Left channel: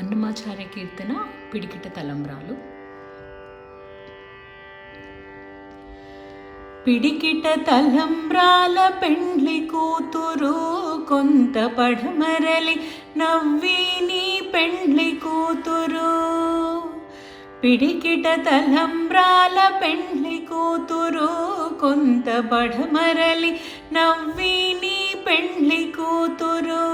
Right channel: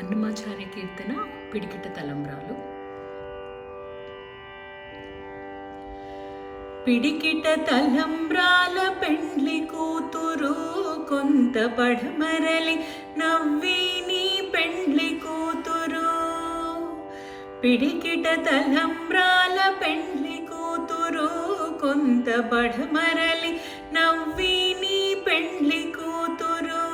అన్నమాచార్య కీర్తన పిడికిట తలంబ్రాలు. పిడికిట తలంబ్రాల పెండ్లి కూతురు కొంత పడమరలి నవ్వి నీ పెండ్లి కూతురు. పిడికిట తలంబ్రాల పెండ్లి కూతురు కొంత పడమరలి నవ్వి నీ పెండ్లి కూతురు.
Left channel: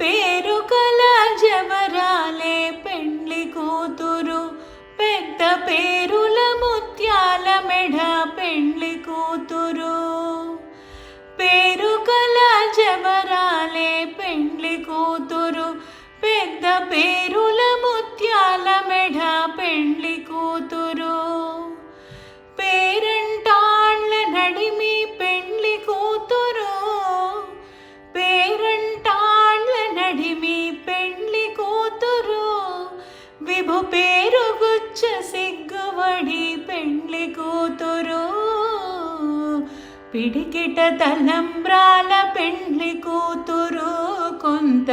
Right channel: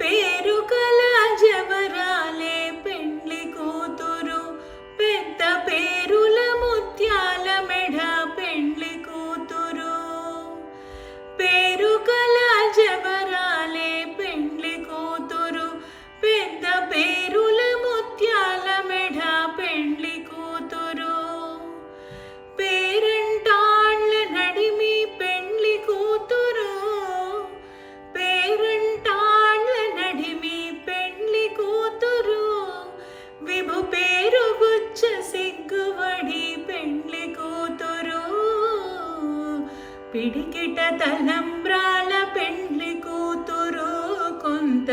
పేరు కల జవరాలే పెండ్లి కూతురు, పెద్ద పేరుల ముత్యాల మెడ పెండ్లి కూతురు. పేరు కల జవరాలే పెండ్లి కూతురు, పెద్ద పేరుల ముత్యాల మెడ పెండ్లి కూతురు. పేరంటాళ్ళ నడిమి పెండ్లి కూతురు, పేరంటాళ్ళ నడిమి పెండ్లి కూతురు. విభు పేరు గుచ్చ సిగ్గువడి పెండ్లి కూతురు. పిడికిట తలంబ్రాల పెండ్లి కూతురు కొంత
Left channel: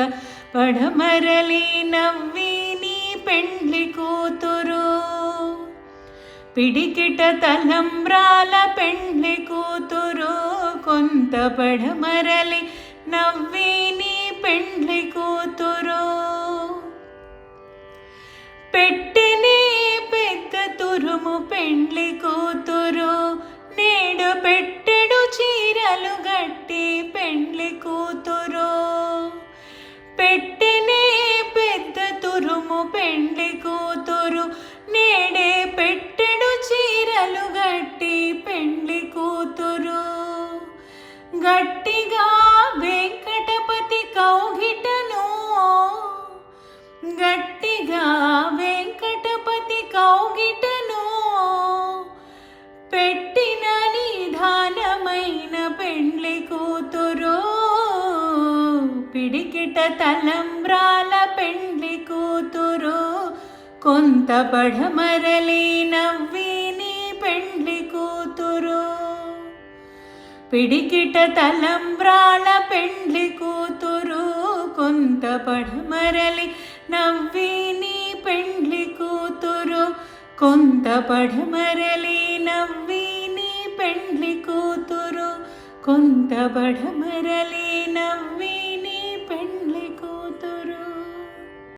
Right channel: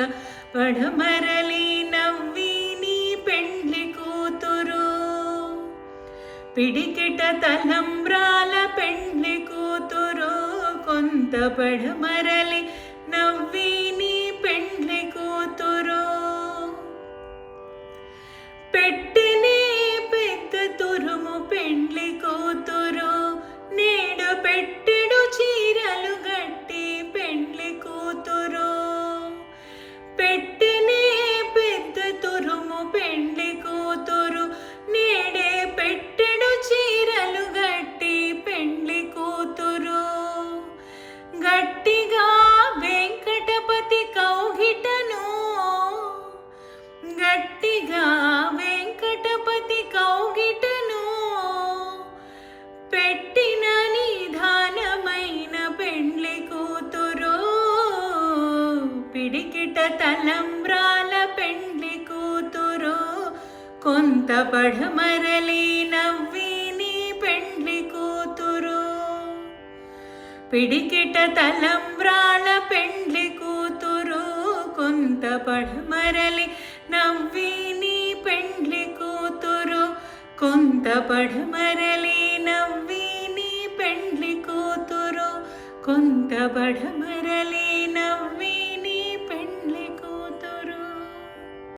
పడమరలి నవ్వి నీ పెండ్లి కూతురు. పిడికిట తలంబ్రాల పెండ్లి కూతురు కొంత పడమరలి నవ్వి నీ పెండ్లి కూతురు. పెట్టెనే పెద్ద తురుము పెండ్లి కూతురు, నేడు పెట్టెడు చీరలు గట్టి పెండ్లి కూతురు. పెట్టెనే పెద్ద తురుము పెండ్లి కూతురు, నేడే పెట్టెడు చీరలు గట్టి పెండ్లి కూతురు. గట్టిగా వెంకటపతి కౌగిటను, గట్టిగా వెంకటపతి కౌగిటను పెట్టిన నిధానమైన పెండ్లి కూతురు. పిడికిట తలంబ్రాల పెండ్లి కూతురు కొంత పడమరలి నవ్వి నీ పెండ్లి కూతురు. పిడికిట తలంబ్రాల పెండ్లి కూతురు కొంత పడమరలి నవ్వి నీ పెండ్లి కూతురు. కొంత పడమరలి నవ్వి నీ పెండ్లి కూతురు, కొంత పడమరలి నవ్వి